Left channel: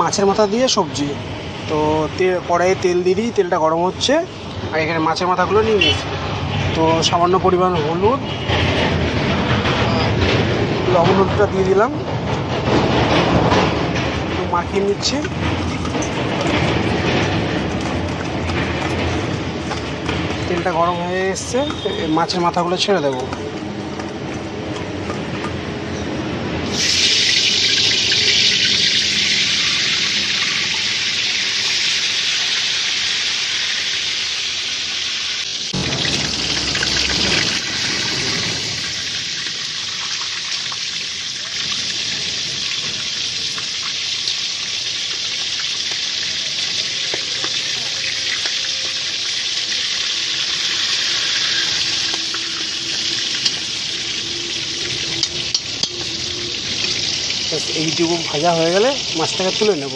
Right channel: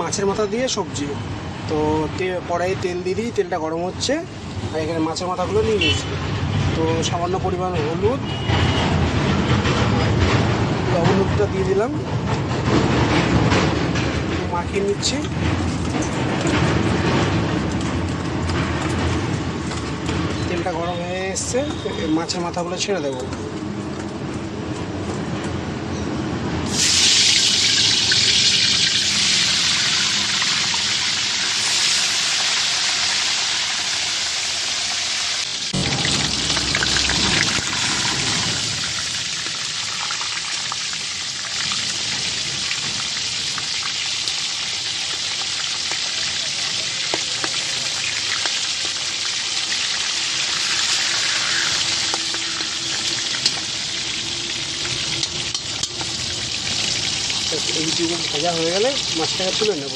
মাছের মাথা দিয়ে সবজি। তো কড়াইয়ে তেল দিয়ে দিই, তেলটা গরম হচ্ছে, আর এখানে মাছের মাথাগুলো নিয়ে নিয়েছি। তো সামান্য পরিমাণ হলুদ, লবণ হলুদটা দিয়ে দিলাম, মাখিয়ে নিচ্ছি। তেলটা গরম হয়ে এসছে, মাছের মাথাগুলো ছেড়ে দেবো। এইটুকু ভাজা হয়ে গেলে মাছটাকে তুলে নেব।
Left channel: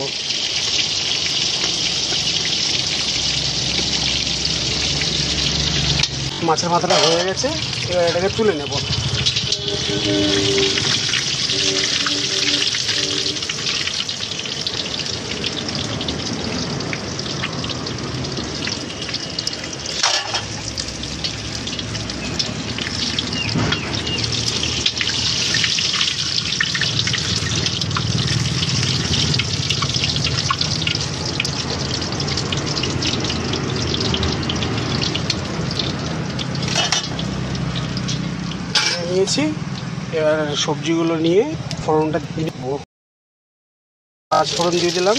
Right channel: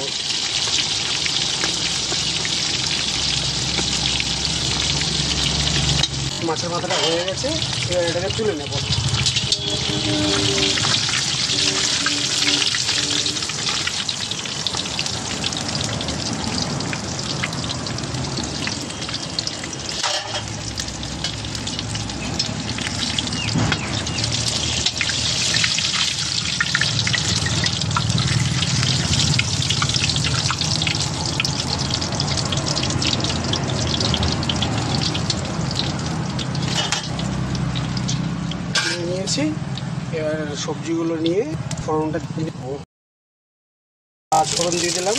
মাছের মাথাটা হয়ে গেছে, এবার এটাকে তুলে নেব। নিয়েছি, এবার সবজিগুলো নিয়ে ফোড়নটা দিয়ে দেবো। পাঁচ ফোড়ন দিয়ে দিলাম।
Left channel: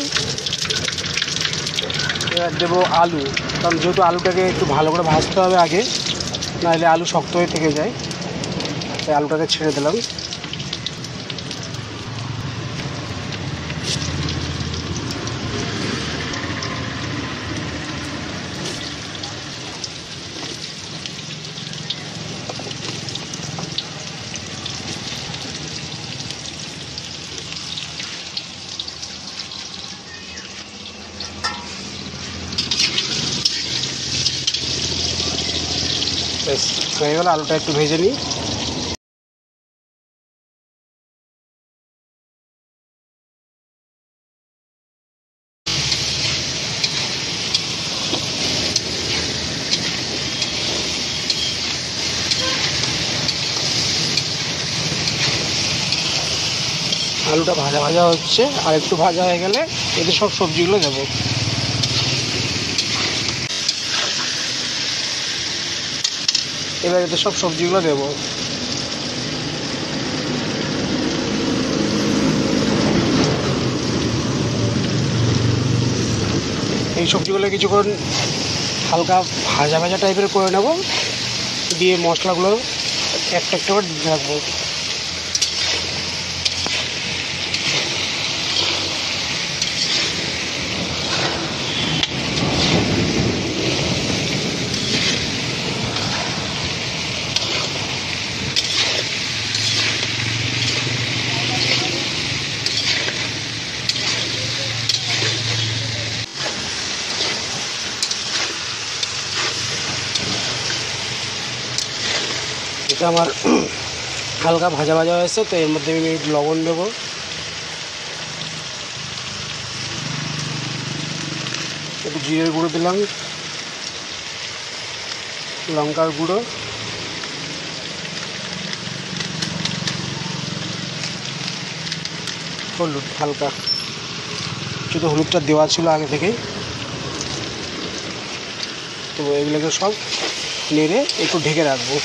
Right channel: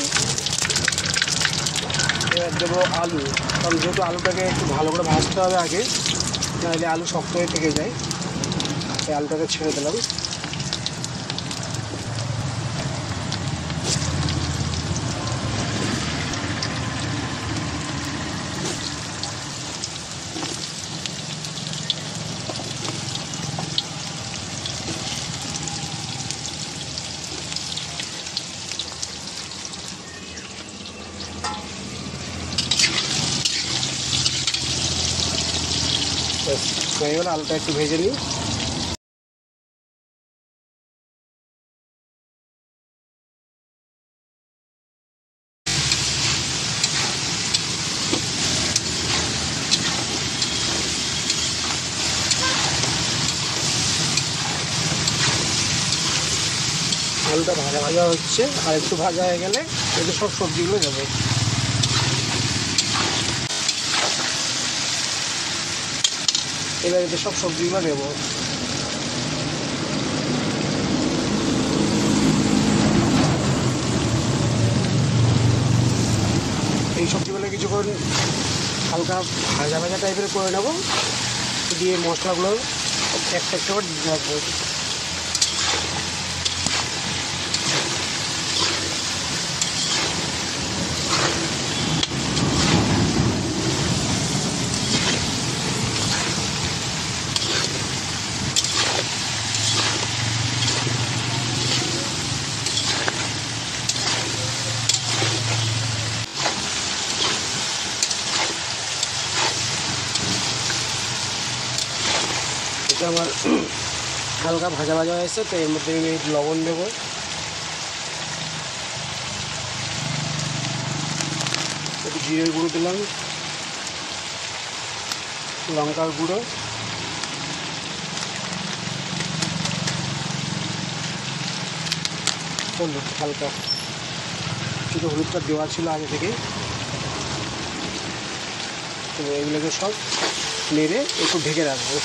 এবার দেবো আলু, কারণ যেহেতু আলুটাকে একটু ভালো করে ভাজতে হবে আগে, নাহলে আলু শক্ত হয়ে থেকে যায়। তাই আলুটাকে ছেড়ে দিলাম। হয়ে গেলে আলুটা একটু ভেজে নিই। আলুটা ভাজা ভাজা হচ্ছে, আর একটু ভাজা হয়ে গেলে এতে সব সবজিগুলো দেবো। এবার এতে সব সবজিগুলো দেবো। এই সবজিগুলো কিছুক্ষণ হালকা ভাজা ভাজা টাইপের করে নেব, দিয়ে মশলাগুলো একটা একটা করে রাখবো। এটা আমার হালকা ভাজা ভাজা হয়েছে, তো এর মধ্যে আমি লবণ দেবো, একটু জিরের গুঁড়ো দিলাম, লঙ্কার গুঁড়ো, হলুদ হালকা, শুধু হলুদটা দেওয়া ছিল আগে থেকেই। তো এগুলোকে সব নেড়ে একটু ঢেকে রাখবো।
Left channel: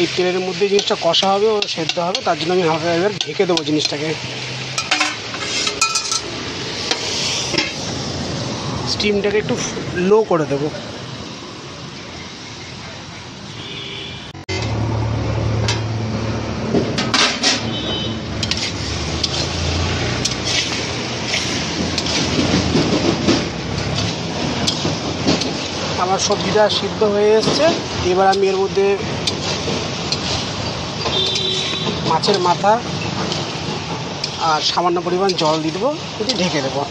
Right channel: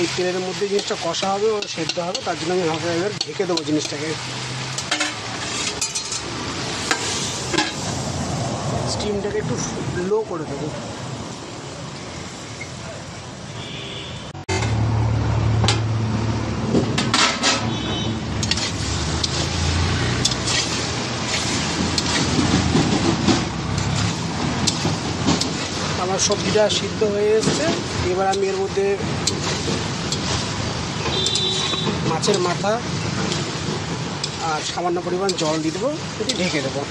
এই তেলের মধ্যে জিনিসটা কষা হবে ও সেদ্ধ হবে, তার জন্য আমি হালকা এবার ঢেকে দেবো জিনিসটাকে। স্টিমটাকে একটু লো করে দেবো। আমার সবজিটা সিদ্ধ হয়ে এসছে, এবার আমি এর মধ্যে মাছের মাথা আর সামান্য পরিমাণ জল দিয়ে দেবো, দিয়ে ঢেকে দেবো।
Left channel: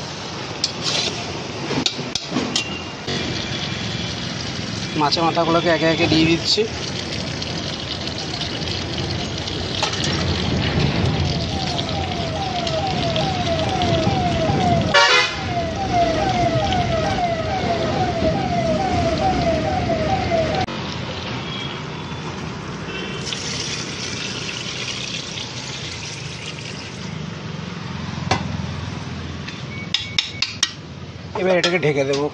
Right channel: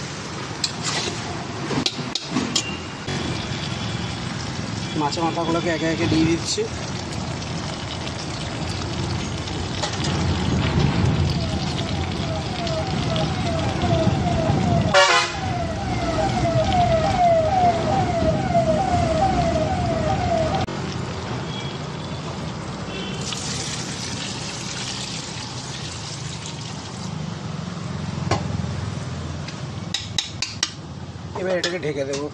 মাছের মাথাগুলোকে একে একে দিয়ে দিচ্ছি। এবার এটাকে ঢেকে দেবো।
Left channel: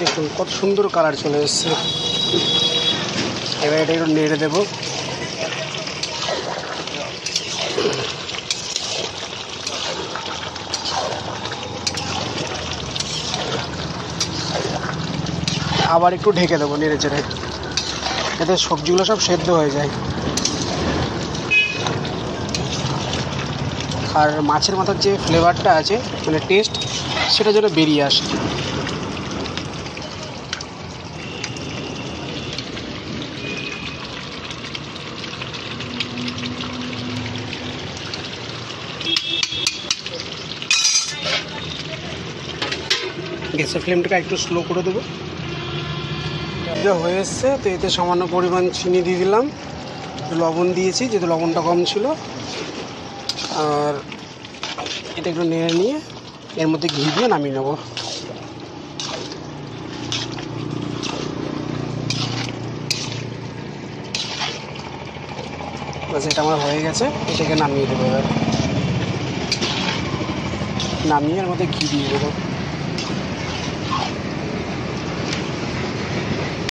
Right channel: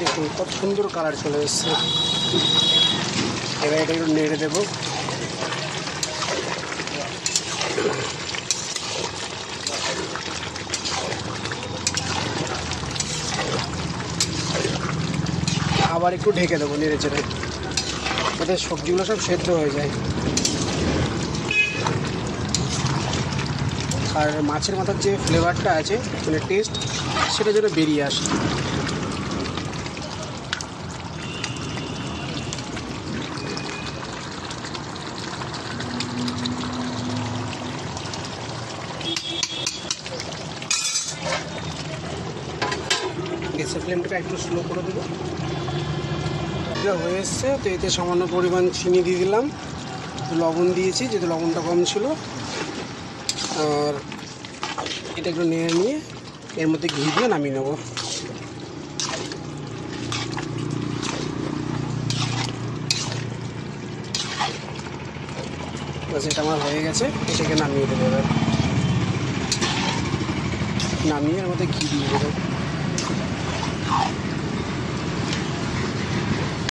দেখুন কত সুন্দর কালার চলে এসছে। এবার এটা একটু নেড়ে দেবো। আবার একটু ঢেকে দেবো নেড়ে চেড়ে, যাতে সবজিগুলো সব সেদ্ধ হয়ে যায়। আর মাছের মাথার যে ফ্লেভারটা আছে, মানে টেস্ট, সেটা যেন বেরিয়ে আসে। গ্যাসের ফ্লেমটাকে একটু স্লো করে দেবো। এটা হয়ে এসছে, তো এতে সামান্য পরিমাণ চিনি দিয়ে দিলাম, লবণ দিয়েছি যেহেতু লবণটা কম ছিল। আর এটা একটু নেড়ে নিয়ে এর মধ্যে ঘি দিয়ে নামিয়ে নেব। বাস, এটা আমার হয়ে গেছে। এটাকে নামিয়ে দেবো। এবার নামিয়ে এর মধ্যে ঘি দিয়ে দেবো।